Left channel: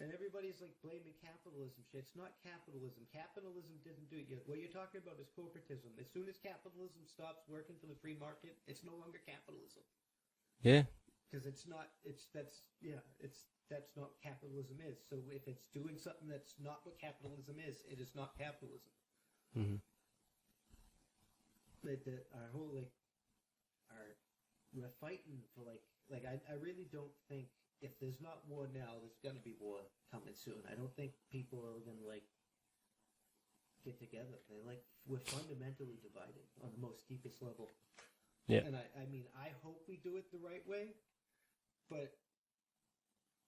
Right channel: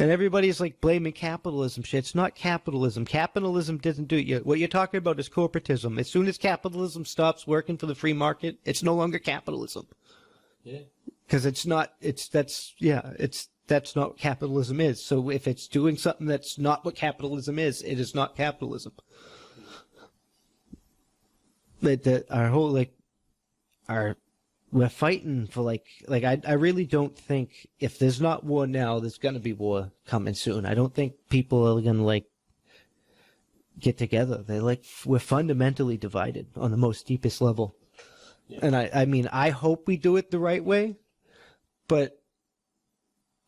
And everybody's like blaming capitalism shit. It's not capitalism. Capitalism doesn't do it. What you're talking about is corporatism. As soon as capitalism stops working for the free market, it's no longer capitalism. Yeah. Because that's not what capitalism is. So if it's doing something that's not what capitalism is, it is not capitalism. Mm-hmm. We're fighting for I really don't think if there's not war now, there's gonna be war coming soon. I don't think people are gonna get together. We're fundamentally divided on the most deepest level. Yeah. And I mean, I hope we do it the right way, but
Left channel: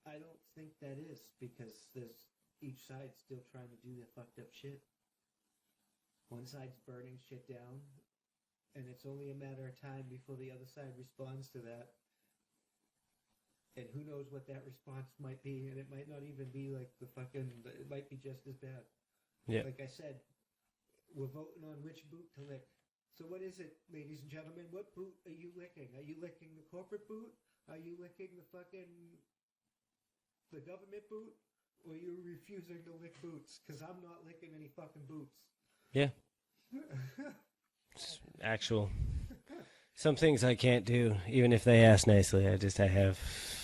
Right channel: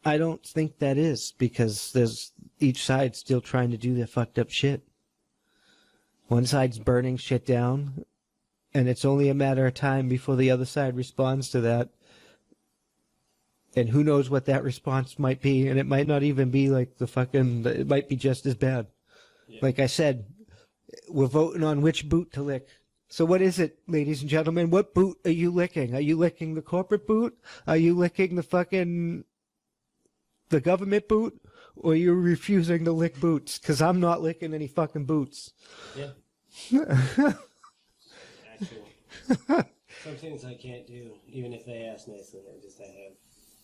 I don't think that is, because there's each side still trying to do their fucked up shit. One side's burning shit down, and it's only a matter of time before the other side responds to that. And who knows what that response might be, and it might not even be it might be just as bad. Yeah. Like I said, we're voting on which boot to lick. So what is it, ladies and gentlemen? What boot are you licking? Are you licking the corporate boot? Are you licking the government boot? Or are you refusing to lick boots? Because I'm not licking any fucking boots. Yeah. Some things I can't do, even if they ask nicely. I have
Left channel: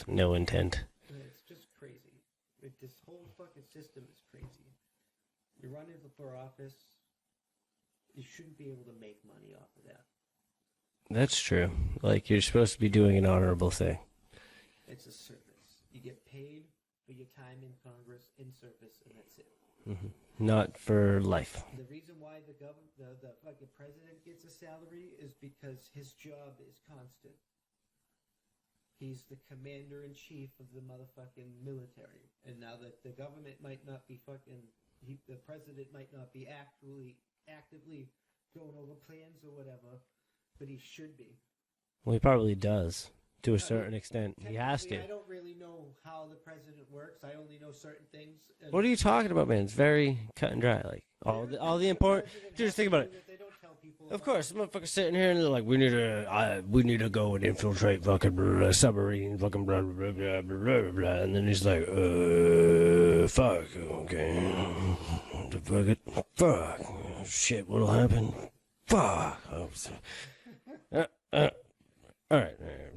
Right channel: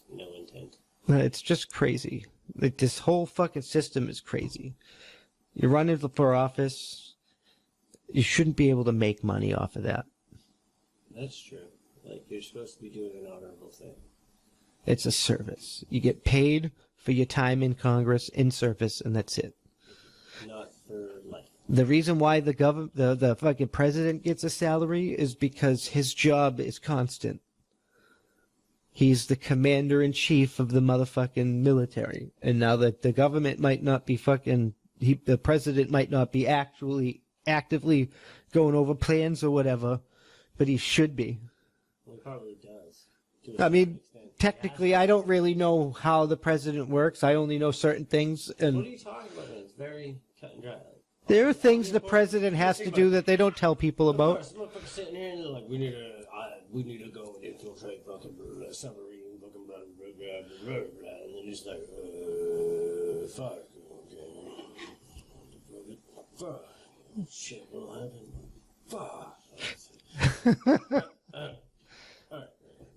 no intent. It's just crazy. This whole fucking system is crazy. You're running for office. You shouldn't be able to make money off of that. That's true. You're supposed to be doing an honorable thing. It's a service. You get paid for your time in Congress, in service, and that's it. Mm-hmm. Not for life. The reason why the fucking president gets a salary is because his job is constant. He's the commander-in-chief of the motherfucking military. And now that the government might not be the president might not be actively going over plans or whatever, but he should be. Well, he probably does, to a certain extent. Technically, I don't really know how the president works. I only know certain things. And what are you talking about, man? It's very cut and dry. There are things the president has to do that they don't tell people about. Of course, motherfuckers sitting here and they're like, we need to go and infiltrate fucking submarine, fucking blah, blah, blah, blah, blah, blah. And then he's like, fuck, okay. Fuck. Shit, what'll happen? Fuck. All right.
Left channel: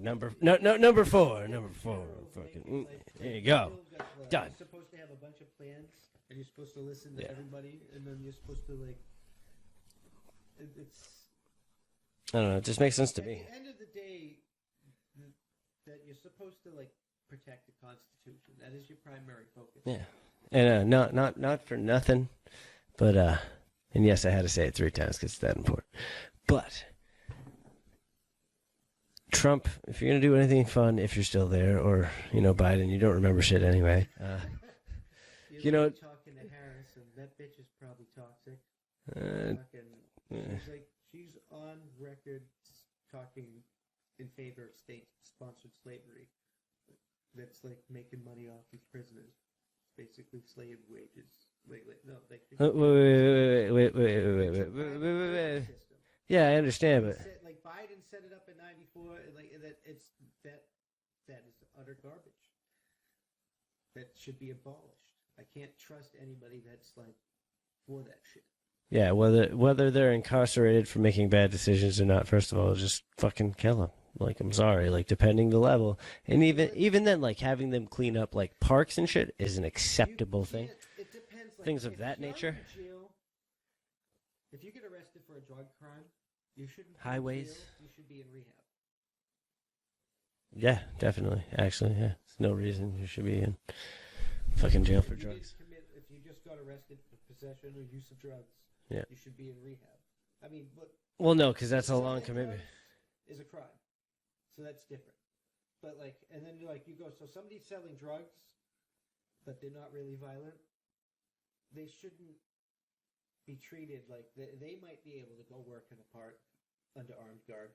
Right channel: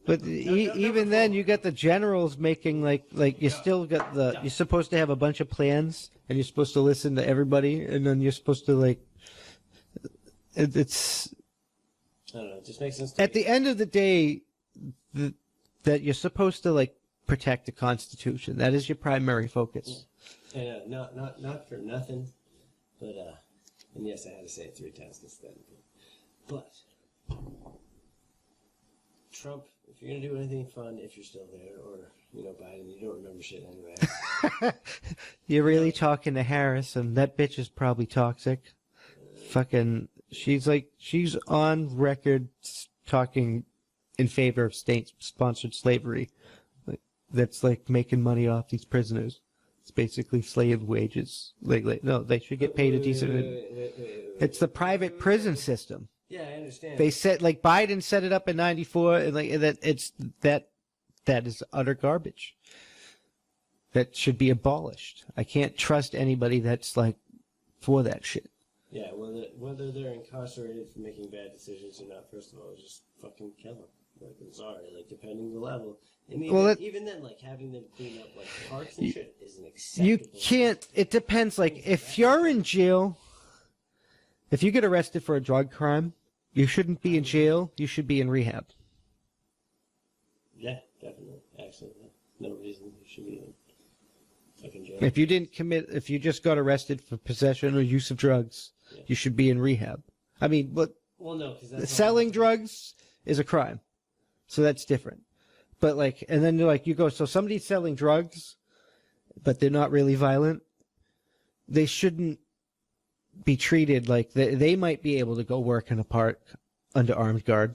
Even then, you get the generals making still got you're supposed to have a bunch of plans, and you're supposed to listen to everybody, and then you're supposed to it's. I don't know. It just makes sense to me. At the end of the day, that you're supposed to protect the Constitution. That is your primary focus. Yeah, and not for nothing, but and yes, I had to say it 3 times because it's that important, but. Trump, if you're going to do anything fun, if you're still there, or, Biden, you don't remember shit anyway. You're really talking to Harris, and that bitch is probably toxic. She's on record talking in favor of state-sponsored slavery. That's making money off these prisoners. It's basically slave wages. No, they should get paid a decent wage. It's the private prison system. Yeah, I understand. They said Biden set it up in '94, and that is utter garbage. That should be abolished. I can't trust anybody that's for that shit. Yeah, whether they're incarcerated for making bad decisions or not, first of all, just fucking kill them. I'm sorry, depending the level, and even then, having them clean up parks and shit is an acceptable. You can't. Thing. It depends. If you're in jail, if you get arrested for a drug crime. You shouldn't be in jail. You should be in rehab. Yeah, definitely. Actually, yeah. There's no reason you should be in fucking jail. If you just got arrested for possession or use of drugs, you should be in rehab. I mean, but no, because that's selling drugs is a crime, so that's different. But and then you go. So somebody's selling drugs, but they're not really violent. They shouldn't be treated they might be able to go work in a park under armed guard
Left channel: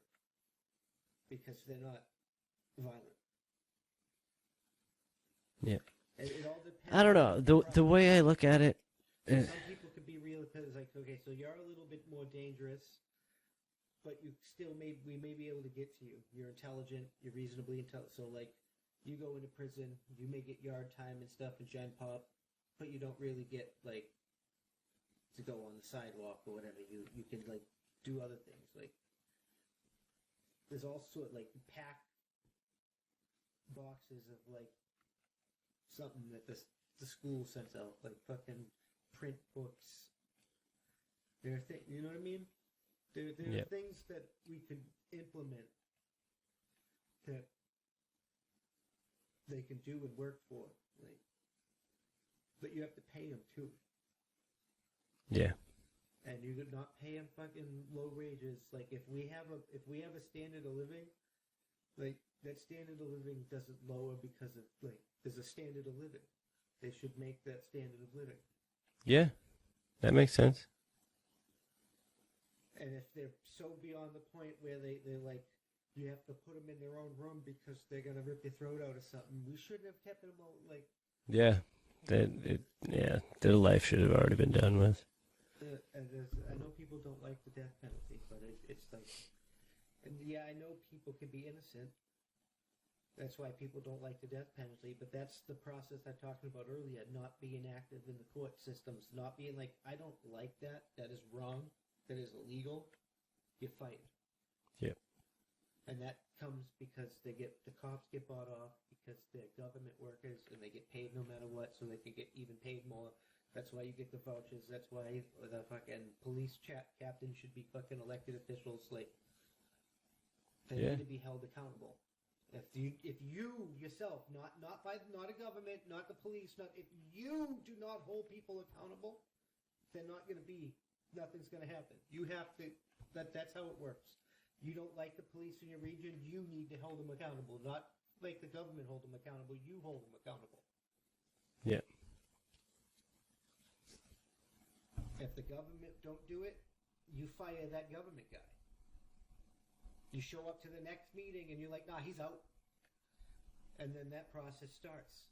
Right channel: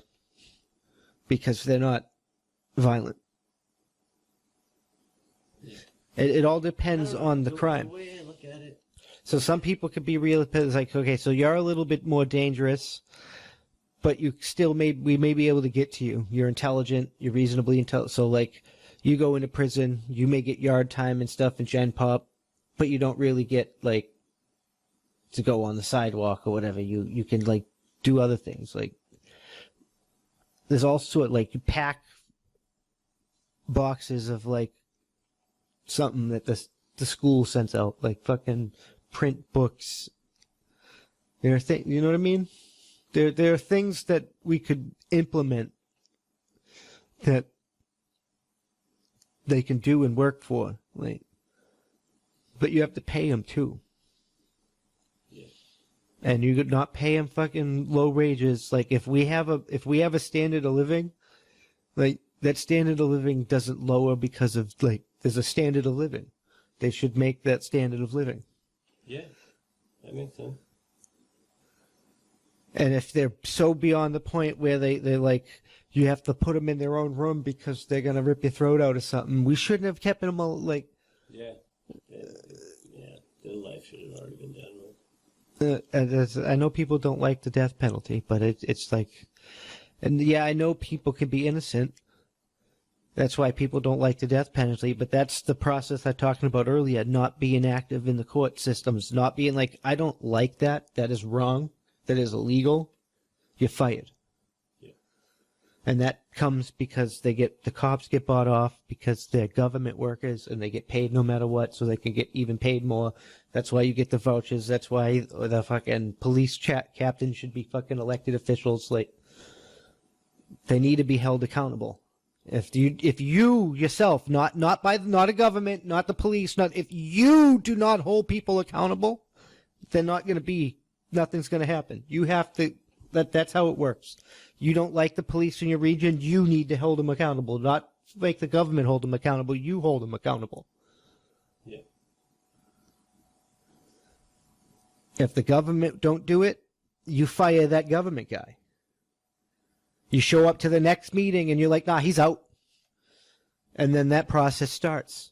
because they're not violent. Yeah. It all depends on the crime. The way I look at it. So some people could be real okay, so you're a little bit more dangerous, but you still we may be able to get to you. You're intelligent, you're reasonably intelligent. So you go into prison, you may get yard time and stuff in Gen Pop, but you don't really get like to go on the sidewalk or whatever. You can like do other things. Like there's also like you pack boxes of like something that the school sends out, like fucking print books. You know what I mean? There are things that we could implement that they can do and work for, like, but you have to pay them too. Yeah. And you could not pay them fucking low wages. Like if we have a standard of living, like that standard of living doesn't lower because of like there's a standard of living. They should make that standard of living. Yeah, that makes sense. And if they're so beyond the point where they're like, you have to put them in their own room because they're going to rip your throat out or something, we shouldn't have kept them all, like... Yeah. Their life should have already been done with. I know people don't like the death penalty, but it's like... And yeah, I know people can be innocent. That's why people don't like the death penalty, but that's the process I was talking about earlier, not being active in the court systems, not being like, I don't like that, that is wrong. That is illegal, you're fired. Yeah. And that comes because the cops get bought off because they're government workers and they get paid no matter what, so they can get even paid more. That's why you get the vouchers. That's why the fucking police captains should be fucking elected officials. Like, they need to be held accountable. If you yourself, not a government, not the police, if you do not hold people accountable, they're not going to be. Nothing's going to happen. You have to, that's how it works. You don't like the police in your region, you need to hold them accountable. Not make the government hold them accountable, you hold them accountable. Yeah. If the government don't do it, you fire that government guy. You show up to the next meeting and you're like, nah, he's out. And then that process starts.